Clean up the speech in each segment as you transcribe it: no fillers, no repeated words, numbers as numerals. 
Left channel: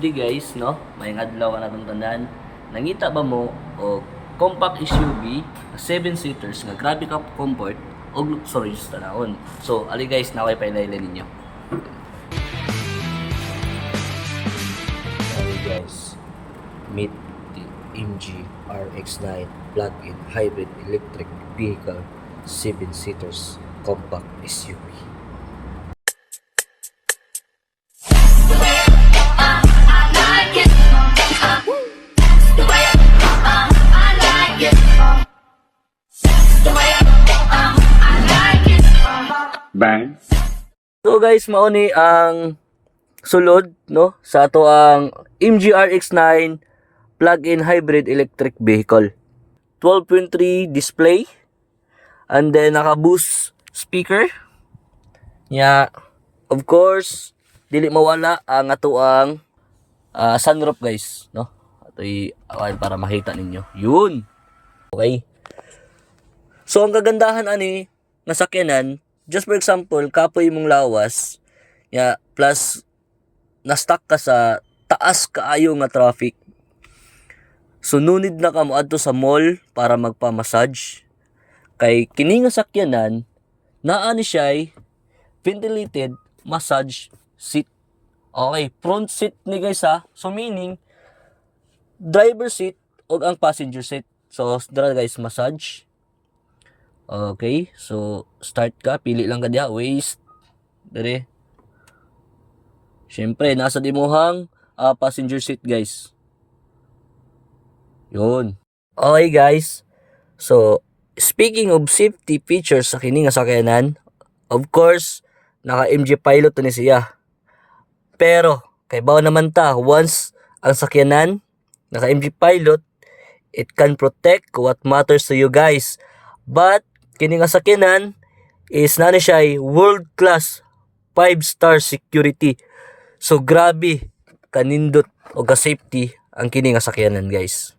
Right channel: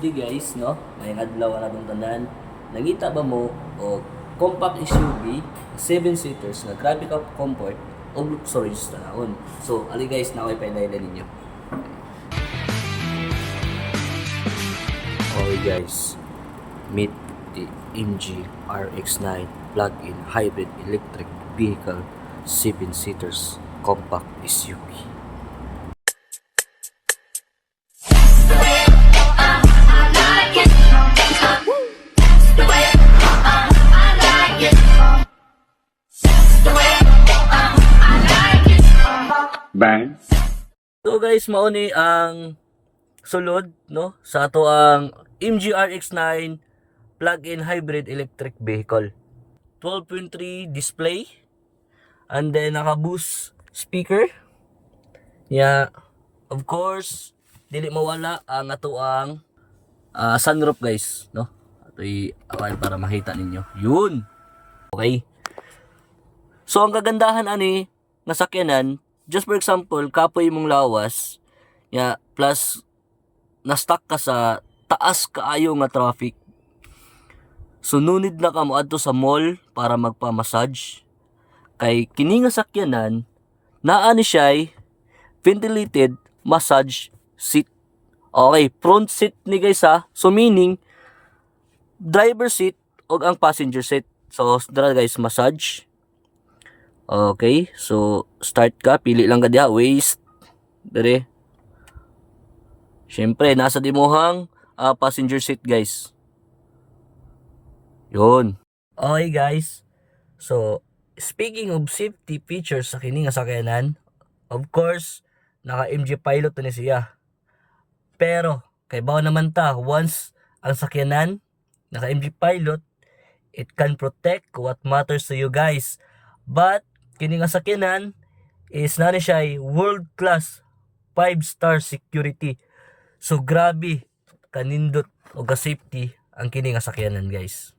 good day guys, no? Mayang adlaw ka na itong tanan. Nangita ba mo o compact SUV, 7-seaters nga grabe ka comfort o luxurious tanawon. So, ali guys, naway pailailan ninyo. Okay guys, meet the MG RX-9 plug-in hybrid electric vehicle 7-seaters compact SUV. Bang. So guys, mauni ang sulod no sa ato ang MG RX-9 plug-in hybrid electric vehicle. 12.3 display and then naka-boost speaker. Yeah, of course, dili mawala ang ato ang sunroof guys, no? Ato'y awan para makita ninyo. Yun. Okay. So ang kagandahan ani nga sakyanan, just for example, kapoy mong lawas, plus na-stuck ka sa taas kaayo nga traffic. So nunid na ka mo adto sa mall para magpa-massage. Kay kini nga sakyanan, naa ni siya ventilated massage seat. Okay, front seat ni guys ha. So meaning driver seat og ang passenger seat. So dara guys, massage. Okay, so start ka, pili lang ka diha, waist, dire. Syempre, nasa dimuhang passenger seat guys. Yun. Okay guys, so speaking of safety features sa kini nga sakyanan, of course, naka MG Pilot ni siya. Pero, kay bawo naman ta, once ang sakyanan, naka MG Pilot, it can protect what matters to you guys. But, kini nga sakyanan is nana siya world class 5-star security. So grabe kanindot o ka safety ang kini nga sakyanan guys.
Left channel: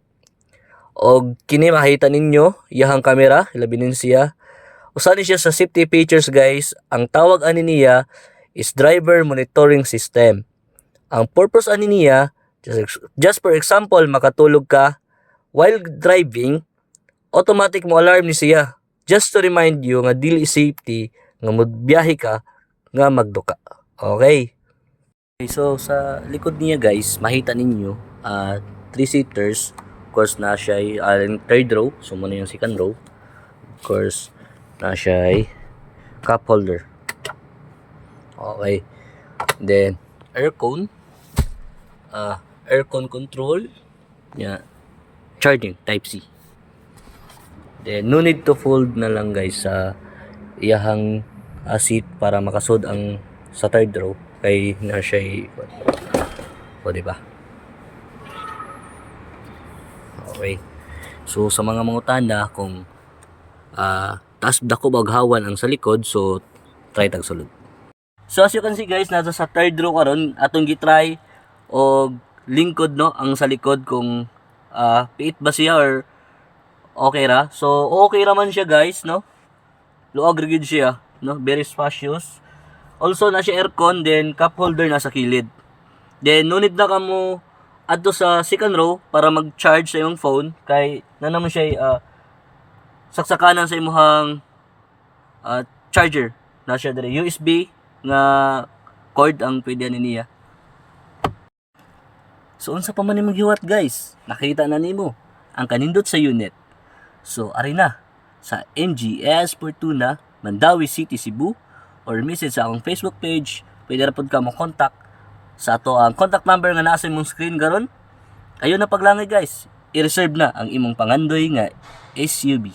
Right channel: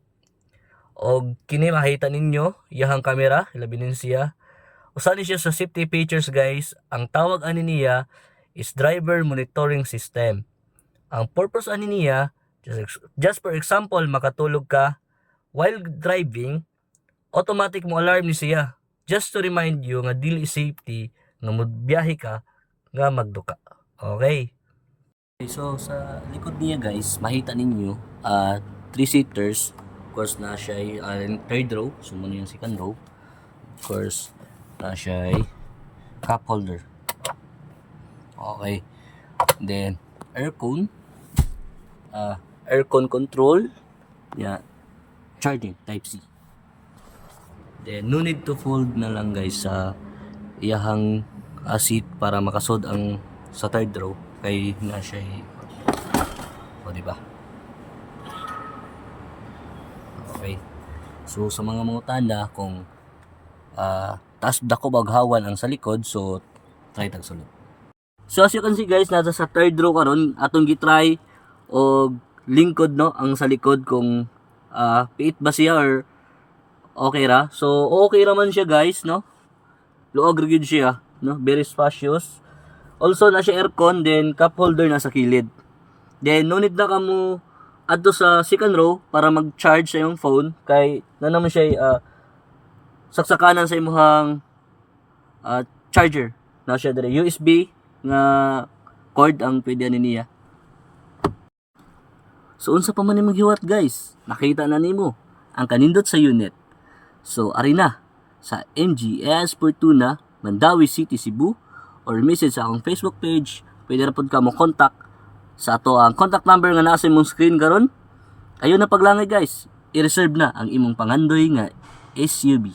Og kini makita ninyo iyahang camera, ilabinin siya. Usa ni siya sa safety features guys. Ang tawag ani niya is driver monitoring system. Ang purpose ani niya, just for example, makatulog ka while driving, automatic mo alarm ni siya. Just to remind you nga dili safety nga magbiyahe ka nga magduka. Okay. So sa likod niya guys, makita ninyo 3-seaters. Of course na siya third row, so muna yung second row. Of course na siya cup holder. Okay. Then aircon control, charging type C. Then, no need to fold na lang guys sa iyahang seat para makasod ang sa third row kay na siya o diba? Okay. So sa mga mangutana kung taas dako baghawan ang sa likod, so try tag sulod. So as you can see guys, nasa sa third row karon atong gitry og lingkod no ang sa likod kung piit ba siya or okay ra. So okay ra man siya guys, no? Luag rigid siya, no? Very spacious. Also na siya aircon, then cup holder na sa kilid. Then no need na kamo adto sa second row para mag-charge sa imong phone kay na naman siya saksakanan sa imong charger. Na siya dire USB nga cord ang pwede ani niya. So unsa pa man imong giwat guys? Nakita na nimo ang kanindot sa unit. So, ari na sa MGS Fortuna, Mandawi City, Cebu, or message sa akong Facebook page. Pwede ra pod ka mo contact sa ato ang contact number nga naa sa imong screen karon. Ayo na paglangay guys, i-reserve na ang imong pangandoy nga SUV.